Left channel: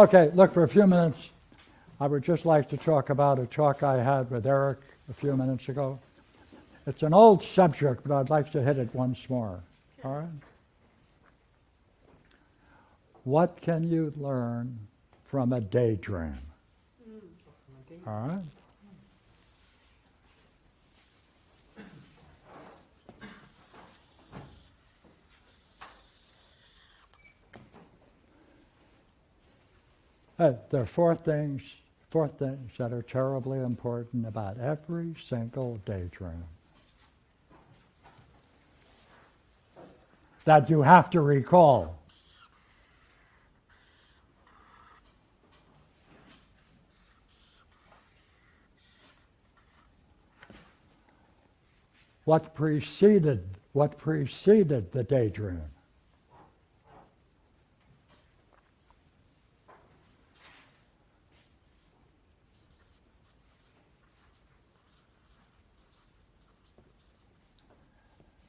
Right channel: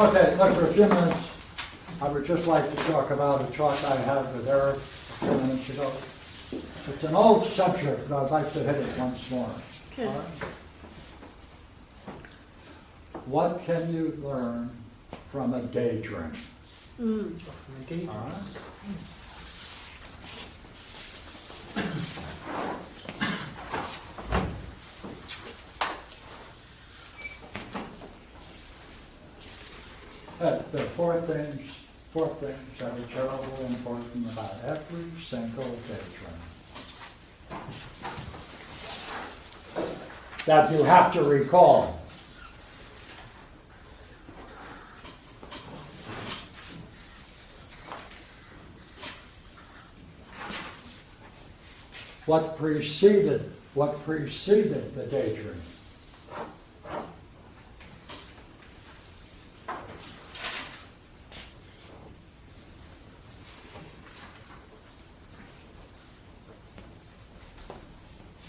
Okay, look, for a few minutes, I would just like to talk about a talk I had with Eric a few minutes ago. It's an old subject, but I'd like to hit it once more. Okay. All right? What can you learn from a daydream? All right? There are four things that are terribly important about every single daydream that you have to recall. What preceded the daydream?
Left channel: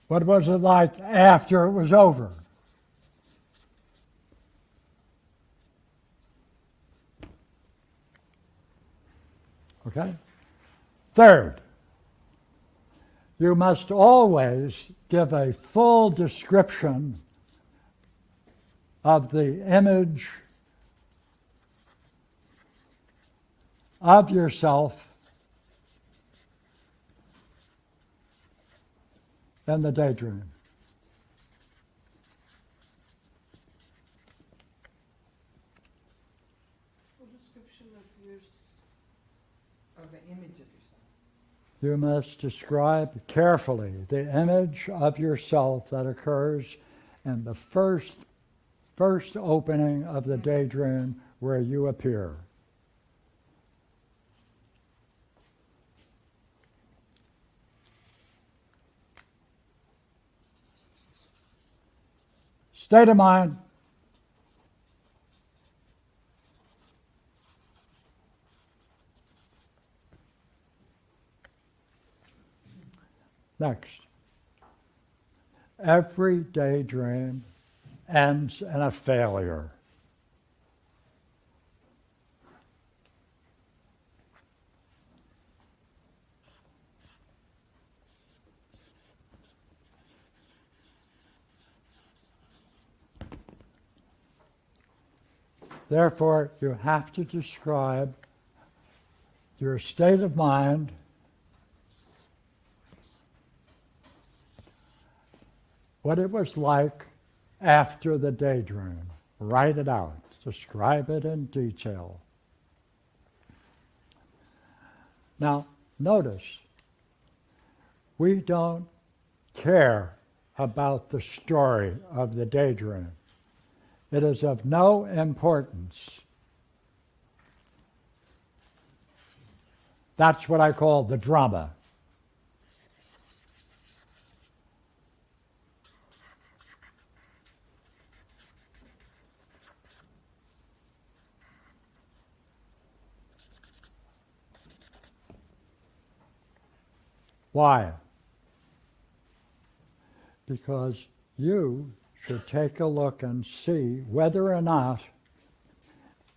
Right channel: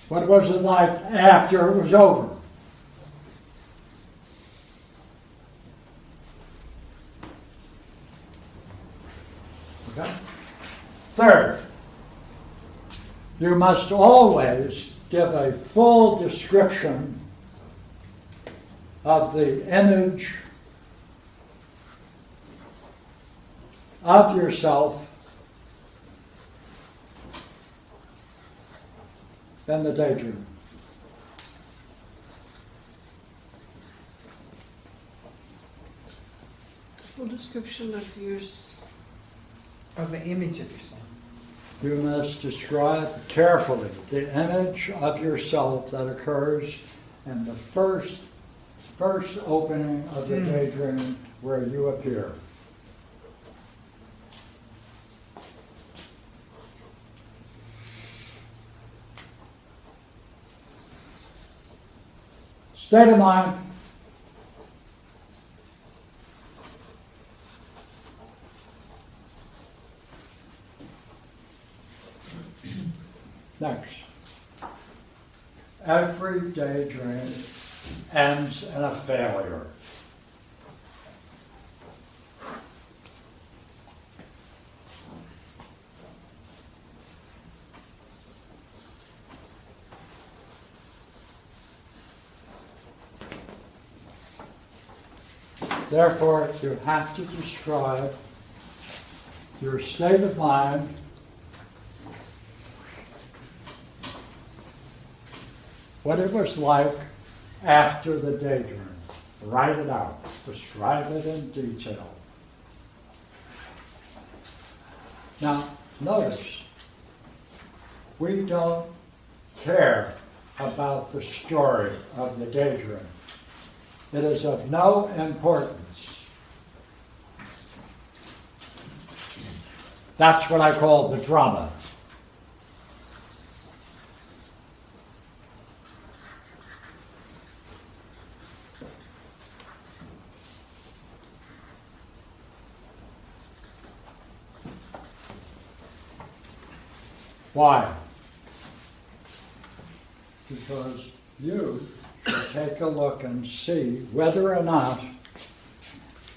What was it like after it was over? Okay? Third, you must always give a full description of the image of yourself in the daydream. Full description of yours. Of the image of yourself. You must describe carefully the image of yourself that occurs in the first opening of the daydream where you appear. State of mind. Next. Every daydream ends in a failure. Therefore, you have to describe your state of mind what it was like after the daydream. Write it out. Describe it in detail. Now, notice, we don't care about the story of the daydream. It is of no importance. That's what I call the drama. Why? Because you should take a look and see whether or not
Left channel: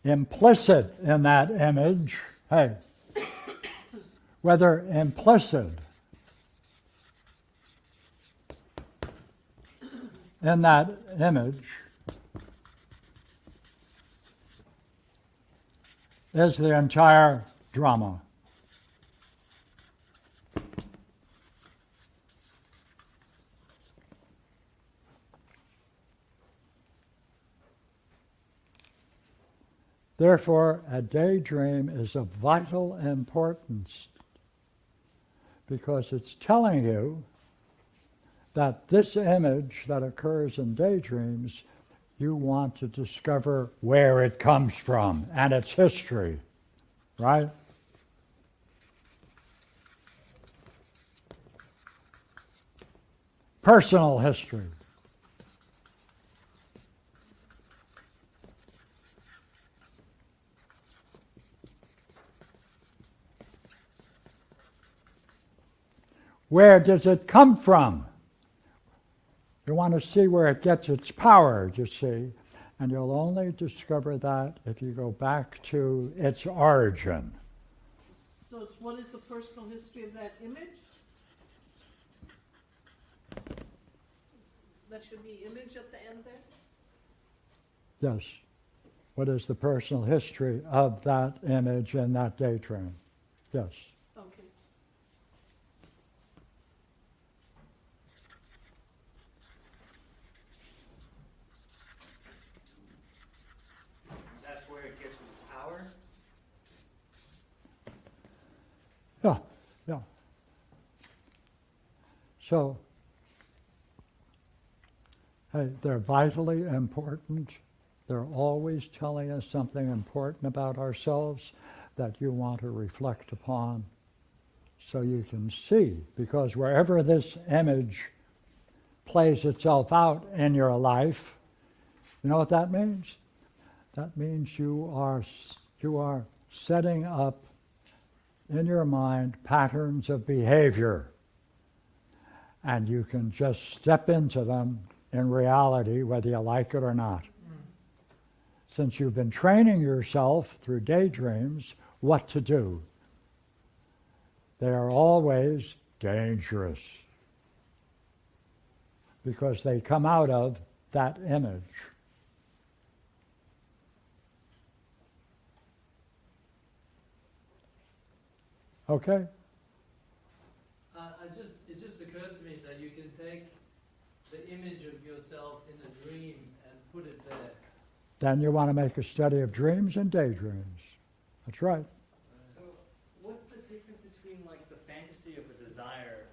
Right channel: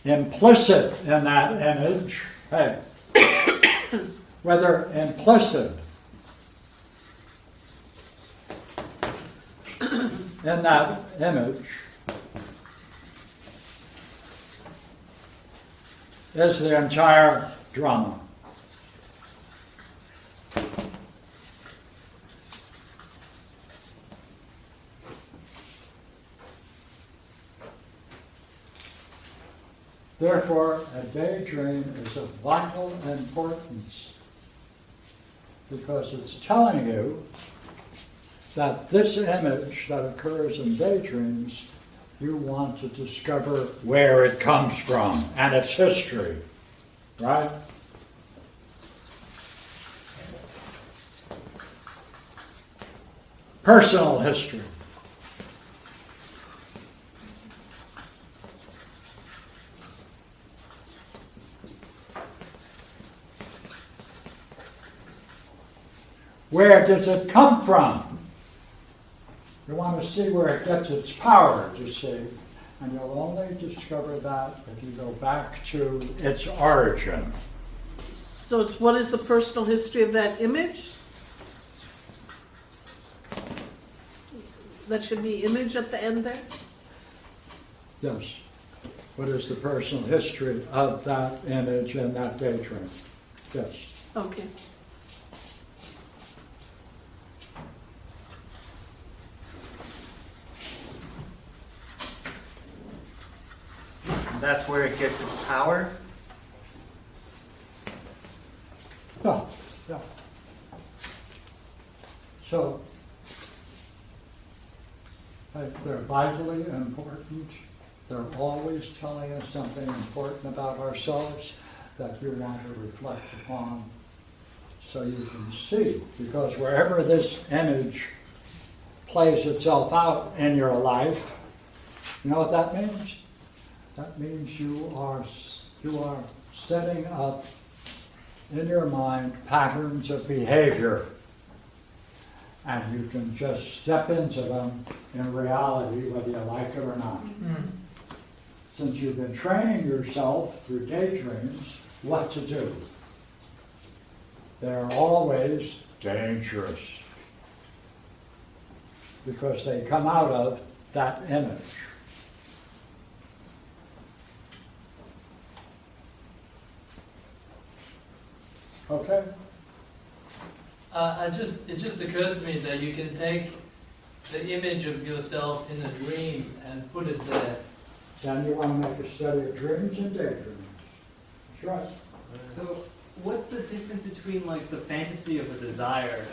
implicit in that image, whether implicit in that image is the entire drama. Therefore, a daydream is of vital importance because it's telling you that this image that occurs in daydreams, you want to discover where it comes from and its history, right? Personal history. Where does it come from? You want to see where it gets its power, you see. And you'll only discover that if you go back to its origin. So it's what is the personal history of that image? That should be image at the end there? Yes. What is the personal history of that image in that daydream? Yes. Okay. That's where it gets its power. Yeah, yeah. So, they're vitally important. They're always telling us something important about ourselves that you want to reflect upon so you can see. Because wherever this image plays itself out in your life, you know what that means? That means you are setting up in your mind patterns of behavior. And you can just step into them in reality, whether you like it or not. Since you've been training yourself through daydreams what to do. They're always dangerous because they come out of that image. Okay? It just occurred to me that you can take the image of yourself in a dream and put it there. Then you want to make a study of dreams and daydreams. That's right. So, what's the difference between like the fantasy of a desire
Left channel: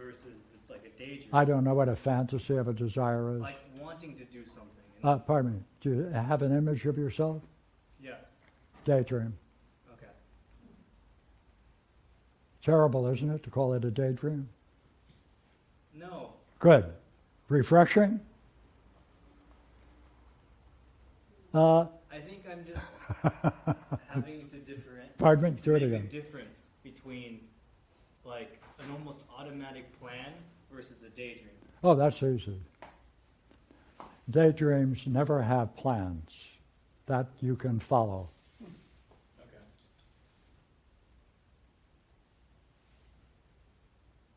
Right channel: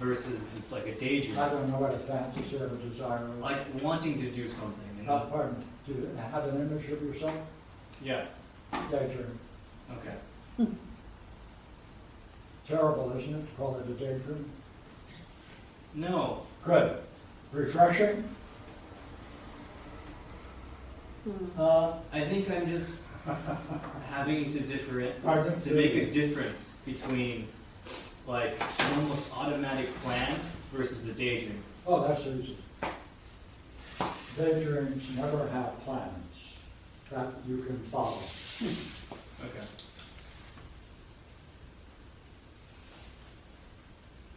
versus like a daydream? I don't know what a fantasy of a desire is. Like wanting to do something. Pardon, do you have an image of yourself? Yes. Daydream. Okay. Terrible, isn't it, to call it a daydream? No. Good. Refreshing? I think I'm just having to Pardon? to make a difference between like an almost automatic plan versus a daydream. Oh, that's easy. Daydreams never have plans that you can follow. Okay.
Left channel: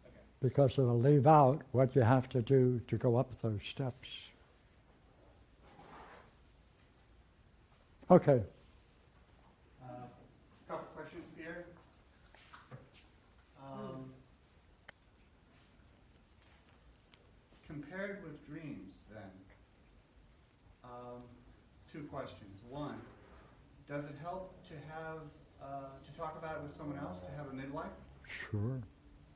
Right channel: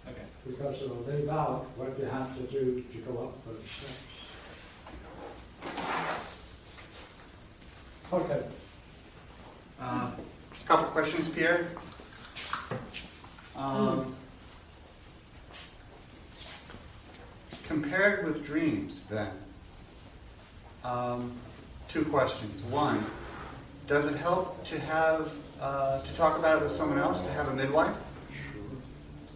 Okay. Because it'll leave out what you have to do to go up those steps. Okay, Couple questions, Pierre. Compared with dreams, then, two questions. One, does it help to have to talk about it with someone else, to have a midwife? sure,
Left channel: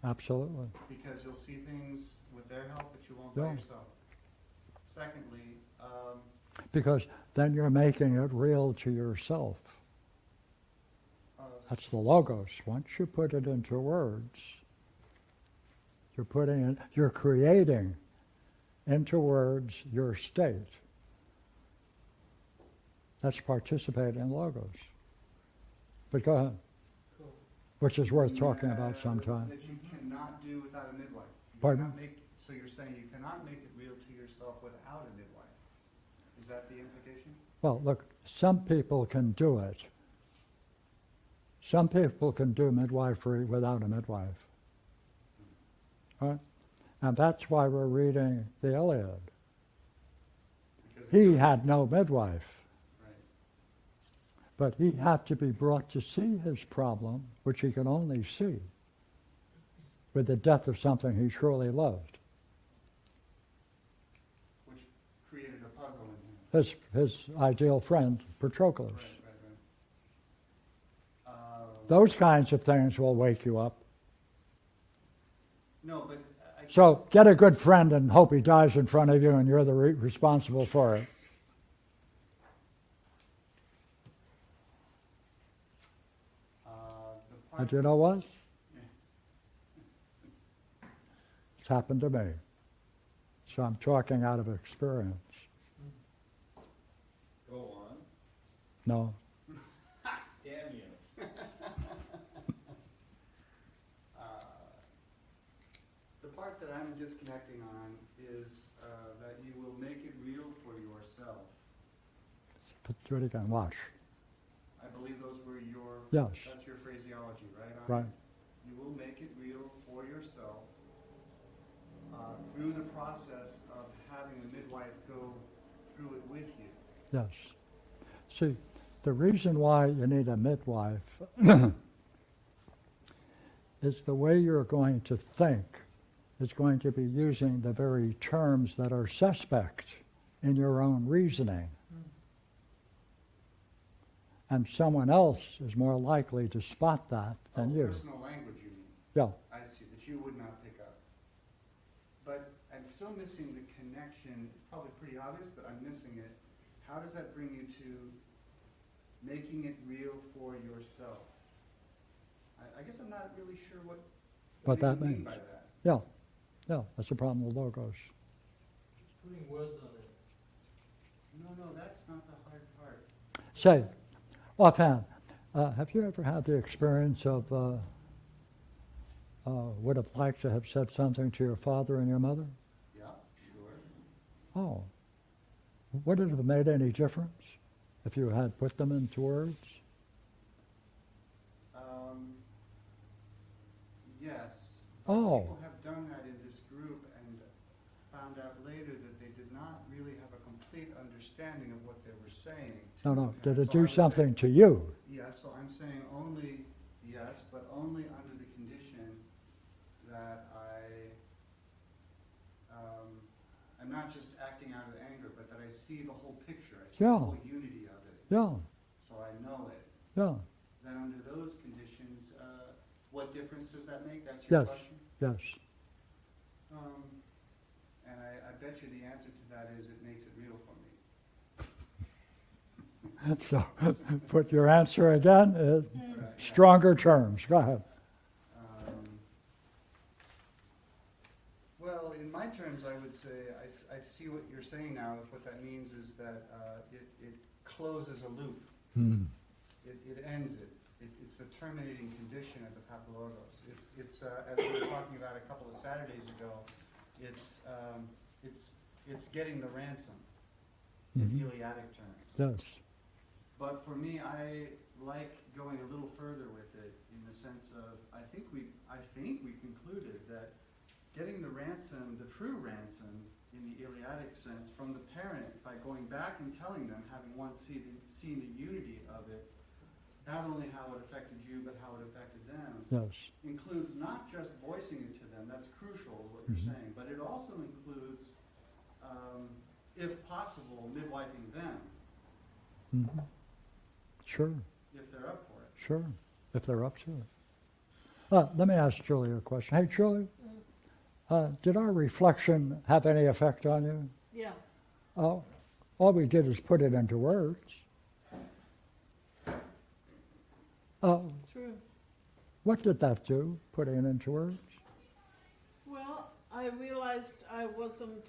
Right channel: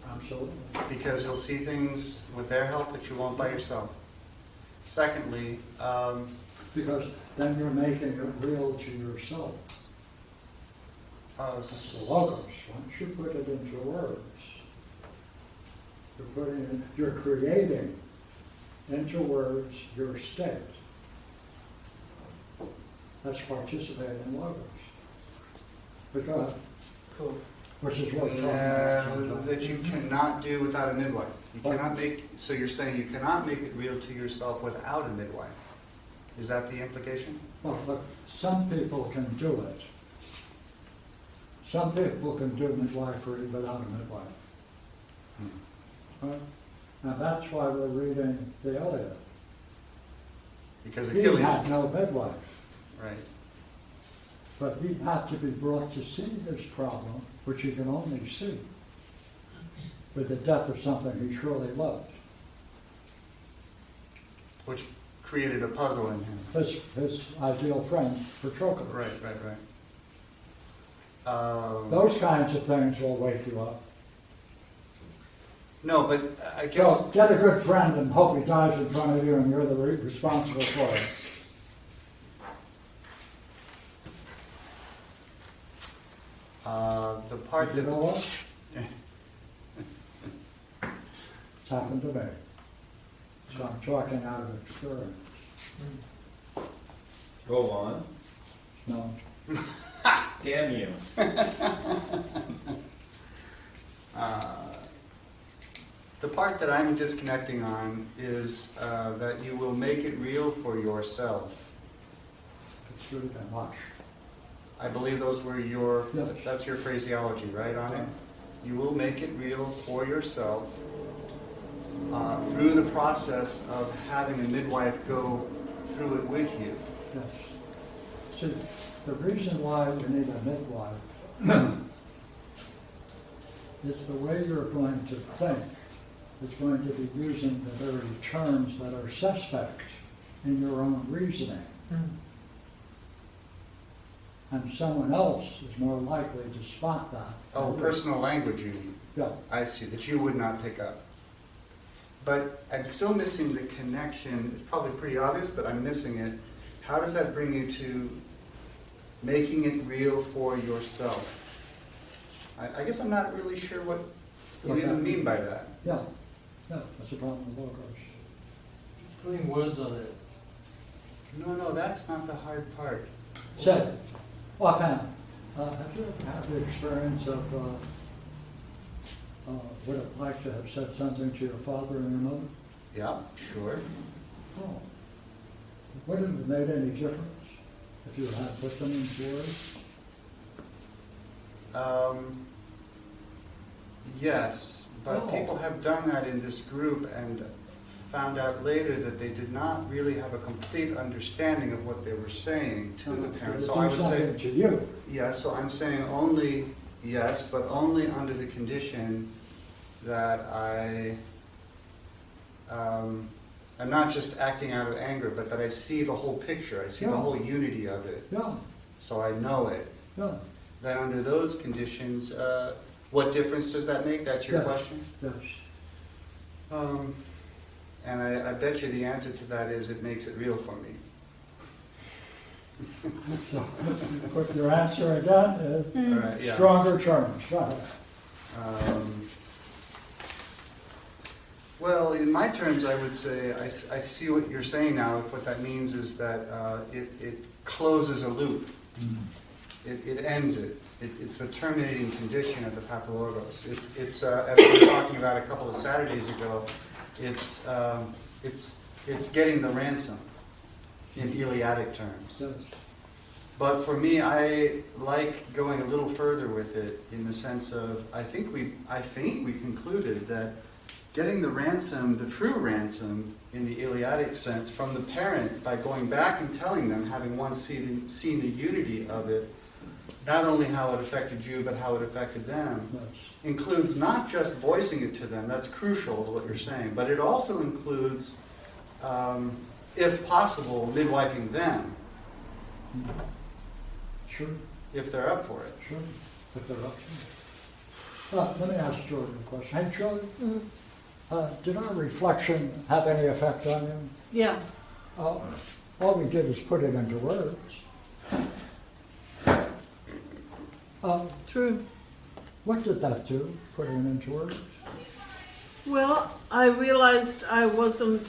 absolutely. Because you'll see things with their help that you won't by yourself. Secondly, Because then you're making it real to yourself. That's the logos. Once you put it into words, you're creating into words your state. That's participating in logos. But go ahead. Cool. Which is worth talking about sometime. that you cannot do without a midwife. You Pardon? cannot make, so you're saying you cannot make it real to yourself without a midwife. Is that the implication? Well, look, some people can do it. Some people can do midwifery without a midwife. Right? And that's why we're reading the Iliad. Because He Achilles, had no midwife, right? but he had to be brought to see his problem, which he could only see with the death of something he truly loved. Which created a puzzle in him. His ideal friend, Patroclus. Right. Those kinds of things will wake you up. No, but I guess, So get a good friend and hope he dies in front of you and you're the responsible for it. the part But you that's... know what? It's happened to me. So I'm talking out of experience. Go on. No, Damn you. The part that I'm disconnecting on is that you will make it real for yourself. do it again, wash. I believe those were your, Yes. that's your phraseology, right, on it? Right. You will make it real for yourself through the process of having a midwife go through it with you. Yes. See, the reason why we need a midwife is the way you're going to think is going to be using the very terms that are suspect in your own reasoning. And someone else is more likely to spot that. Oh, than you. personal language you mean. Yeah, I see, that you would not pick up. But I'm still missing the connection. It's probably pretty obvious, but I'm missing it. How does that bring you to making it real for yourself? I guess I'm not really sure what What you that mean by that. yeah, yeah, that's the problem with logos. Putting words on it. No, that's not the hard part. Say, offhand, have you ever had the experience of would it like to have said something to your father and your mother? Yeah, sure. Oh, would it have made any difference if you had put them into words? Yes, but Oh. people have done that in this group and found out later that they did not really have a complete understanding of what they were saying to the Did parents. it So I do would say, something to you? yes, so I'm saying only yes, but only under the condition that I'm not just acting out of anger, but that I see the whole picture, I see the Yeah. whole unity of it, Yeah, so I know it. yeah, Then under those conditions, what difference does that make? That's your Yes. question? yes. And I bet you the answer to that is it makes it real for me. So, put your answer again, All right, yeah. stronger terms, go ahead. Well, in my terms, I would say, I see what you're saying now. What that means is that it closes a loop. It ends it. It's the terminating condition of the pathologos. It's as we were talking about a couple of Saturdays ago, it's getting the ransom in Iliadic terms. Yes, But for me, I like going a little further with it in the sense of, I think we concluded that getting the ransom, the true ransom in the Iliadic sense from the parent by going back and telling them, having once seen the unity of it, not only how it affected you, but how it affected them, yes, includes not just voicing it to them, that's crucial to what you're saying, but it also includes, if possible, midwifing them, mhm. Sure, if they're up for it. sure, if they're up to it. Let me ask Julie a question. Hey, Julie, did our reflection have any effect on you? Yeah, All we did was put it into words. true. What did that do, putting it into words? Well, I realized I wasn't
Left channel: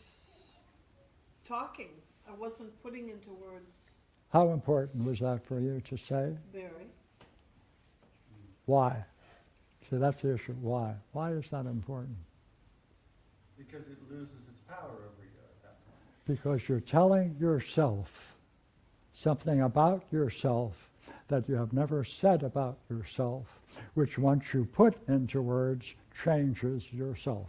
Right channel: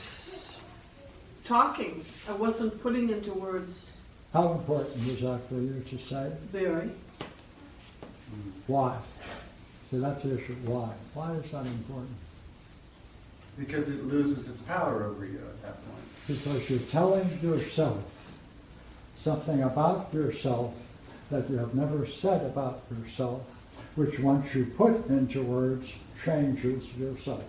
talking. I wasn't putting into words How important was that for you to say? very. Why? So that's the issue, why? Why is that important? Because it loses its power over you at that point. Because you're telling yourself something about yourself that you have never said about yourself, which once you put into words, changes yourself.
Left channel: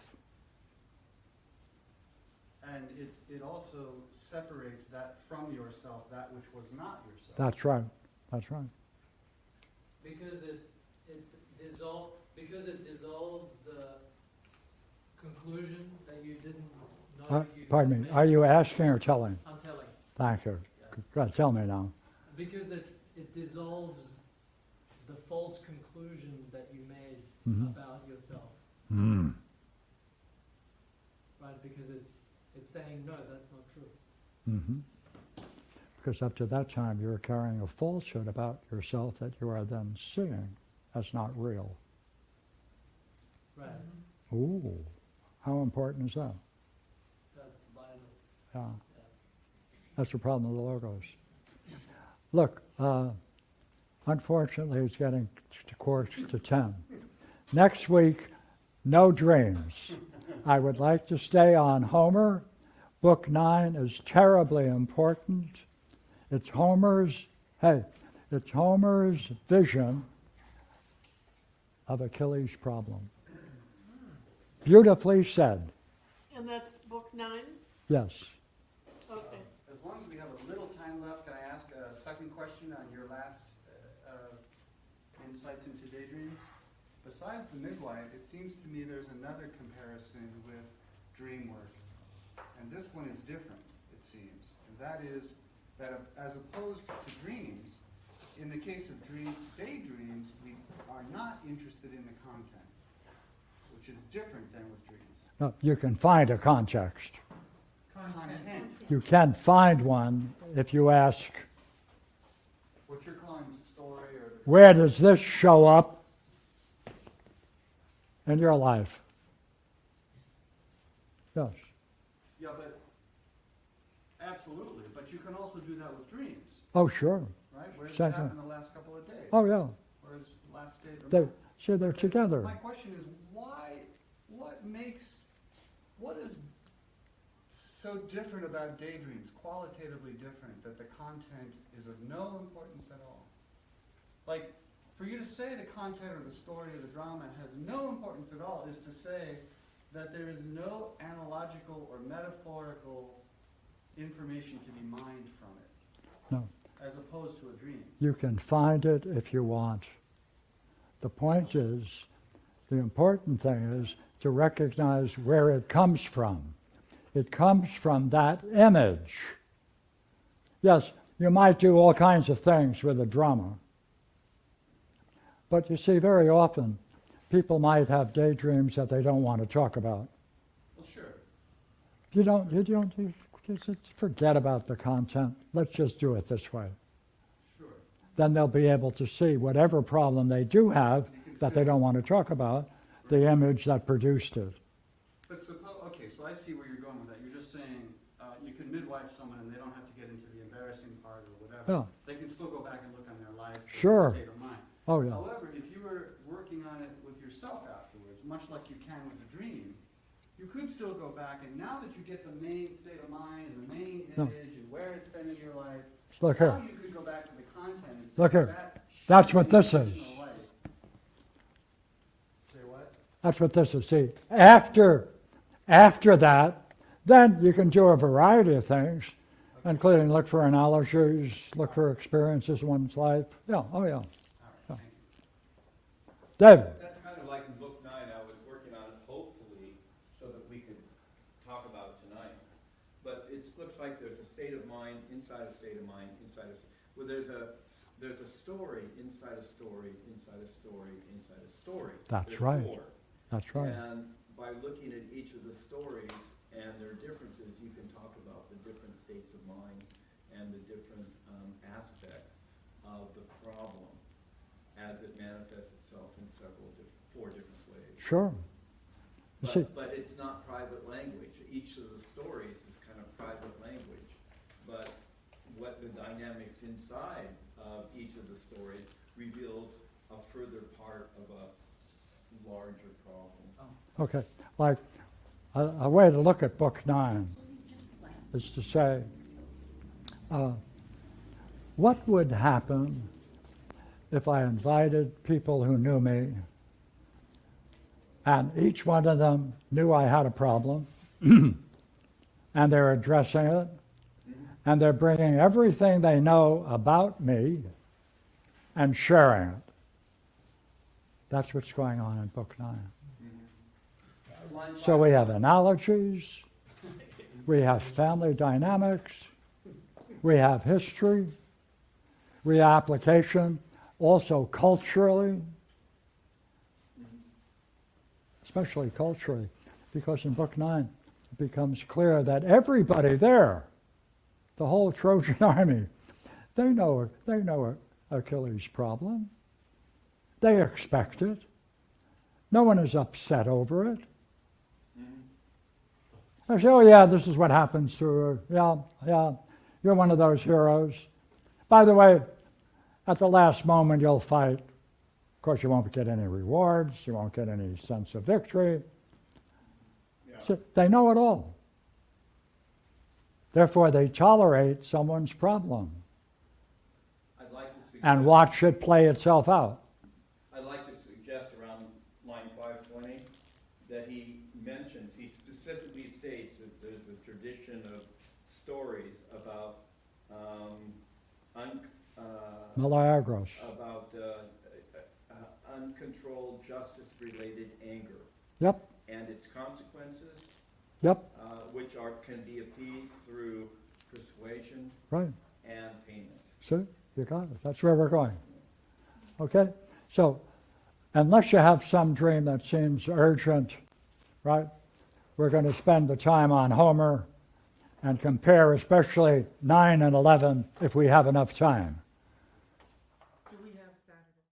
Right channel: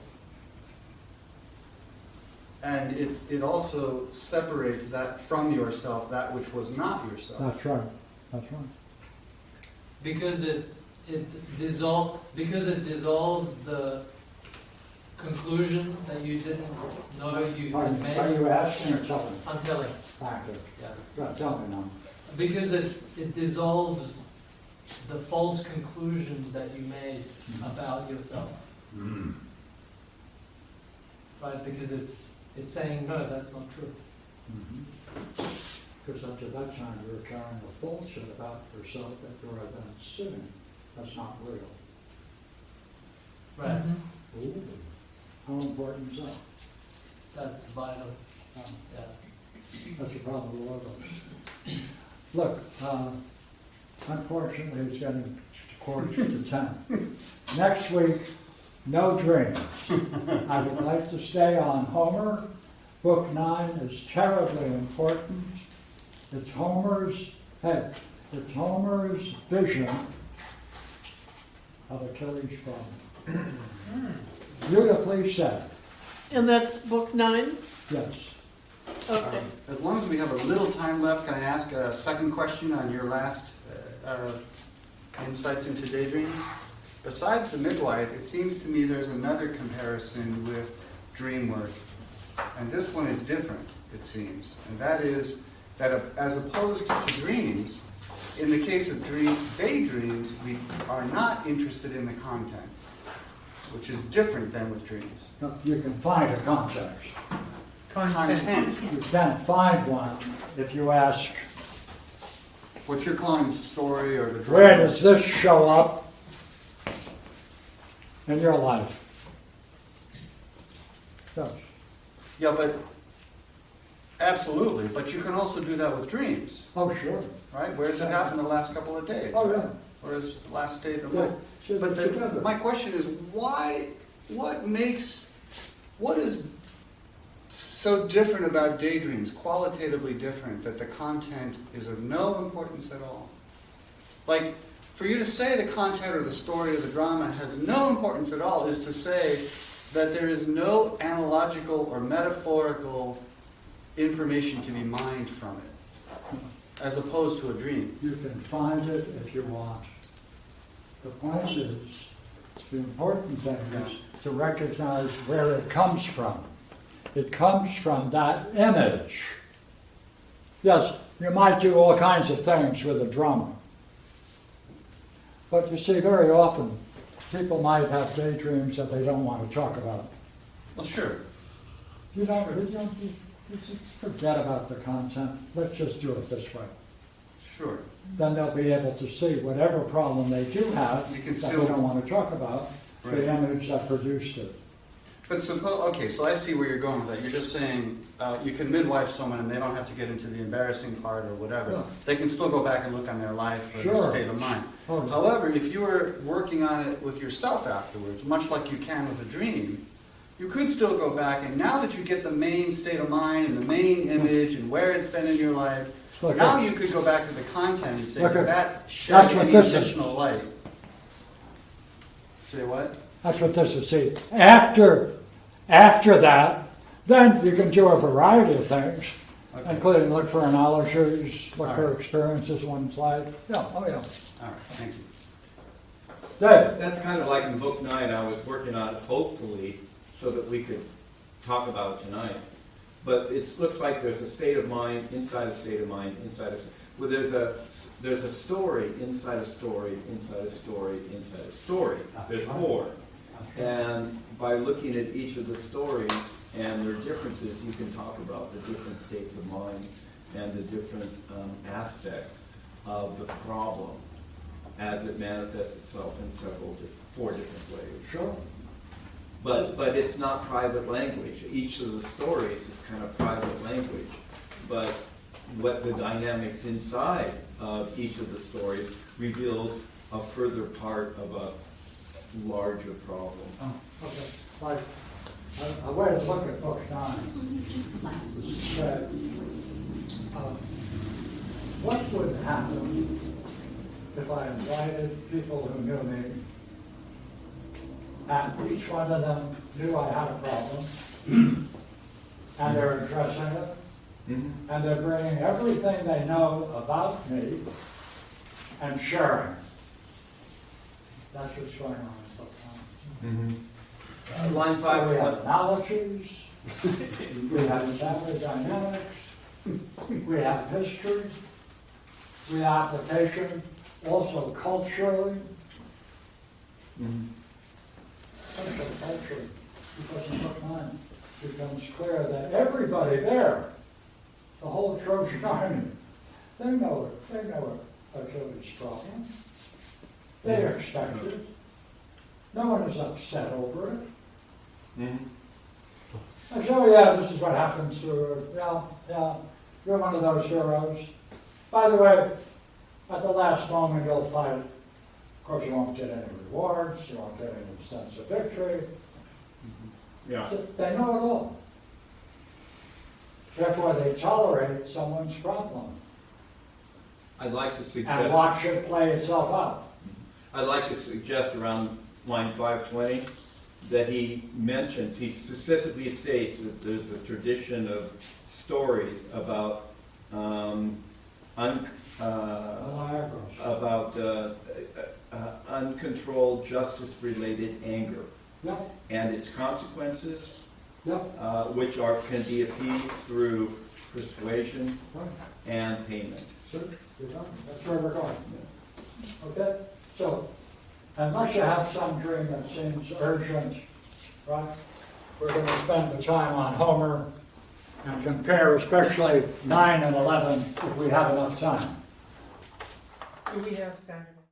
And it also separates that from yourself, that which was not yourself. That's right, that's right. Because it dissolves the conclusion that you didn't know you Pardon had me, made. are you asking or telling? I'm telling, Thank you. yeah. Go ahead, tell me now. Because it dissolves the false conclusion that you made about yourself. Right? Because it's saying, no, that's not true. Because up to that time, you were carrying a falsehood about yourself that you are then seeing as not real. Right? Ooh, how important is that? That's vital. Yeah. Yeah. That's the problem with logos. Look, unfortunately, it's getting towards to 10. Next week, no dreams. I would like to stay on Homer. Book 9 is terribly important. It's Homer's, hey, it's Homer's vision of Achilles' problem. Beautifully said, And that's book 9? yes. Okay. As long as we have a little time left, can I ask a second question on your last insights into daydreams? Besides the midwife, it seems to me there's another comparison with dream work. And this one is different, it seems. And that is that as opposed to dreams, in the case of daydreams, we are not interested in the content, which is different than with dreams. No, you can find a context. Content. You can't find one if you ask, What you're calling the story or the drama. where does this show up in your life? Yes. Yeah, but absolutely. But you can also do that with dreams, Oh, sure. right? Where does it happen the last couple of days? Oh, yeah. Or is it the last state of They're mind? But together. my question is, what is so different about daydreams, qualitatively different, that the content is of no importance at all? Like, for you to say the content or the story or the drama has no importance at all is to say that there is no analogical or metaphorical information to be mined from it, as opposed to a dream. You can find it if you want. The point is, the important thing is to recognize where it comes from. It comes from that image. Yes, you might do all kinds of things with a drama. But you see, very often, people might have daydreams that they don't want to talk about. Well, sure. You don't just forget about the content. Let's just do it this way. Sure. Then they'll be able to see whatever problem they do have You can that still- they don't want to talk about, Right. the image that produced it. But suppose, okay, so I see where you're going with that. You're just saying you can midwife someone and they don't have to get into the embarrassing part or whatever. Yeah. They can still go back and look on their life or Sure. the state of mind. Oh, yeah. However, if you were working on it with yourself afterwards, much like you can with a dream, you could still go back, and now that you get the main state of mind and the main image and where it's been in your life, Okay. now you could go back to the content and say, Okay. does that shed That's what any this is. additional light? Say what? That's what this is. See, after that, then you can do a variety of things, Okay. including look for analogies, look for Alright. experiences in one's life. Yeah, oh yeah. All right, thank you. David, That's kind of like in book 9, I was working on it hopefully so that we could talk about it tonight. But it looks like there's a state of mind, inside a state of mind, inside a, well, there's a story, inside a story, inside a story, inside a story. That's There's right. 4. that's right. And by looking at each of the stories and their differences, you can talk about the different states of mind and the different aspects of the problem as it manifests itself in 4 different ways. Sure. But it's not private language. Each of the stories is kind of private language. But what the dynamics inside of each of the stories reveals a further part of a larger problem. Okay. Like, a way to look at book 9 is to say, what would happen if I invited people who knew me, and each one of them knew I had a problem, and they're addressing it, and they're bringing everything they know about me and sharing. That's what's going on in book 9. Line So we have 5. analogies, we have family dynamics, we have history, we have application, also culturally, especially culturally, because in book 9 it becomes clear that everybody there, the whole Trojan army, they know Achilles' problem. They expect it. No one is upset over it. I say, oh yeah, this is what happens to her. Yeah, you're one of those heroes. By the way, at the last moment you'll fight. Of course you won't get any rewards, you won't get any sense of victory. Yeah. So they know it all. Therefore they tolerate someone's problem. I'd like to suggest. and watch it play itself out. I'd like to suggest around line 520 that he mentions, he specifically states that there's a tradition of stories about Milagros. uncontrolled justice-related anger Yep, and its consequences, yep, which can be appeased through persuasion right. and payment. See, you got it. That's where we're going. Okay? So, unless you have some dream that seems urgent, right? We're going to spend the time on Homer and compare especially 9 and 11 if we have enough time. Do we have Saturday?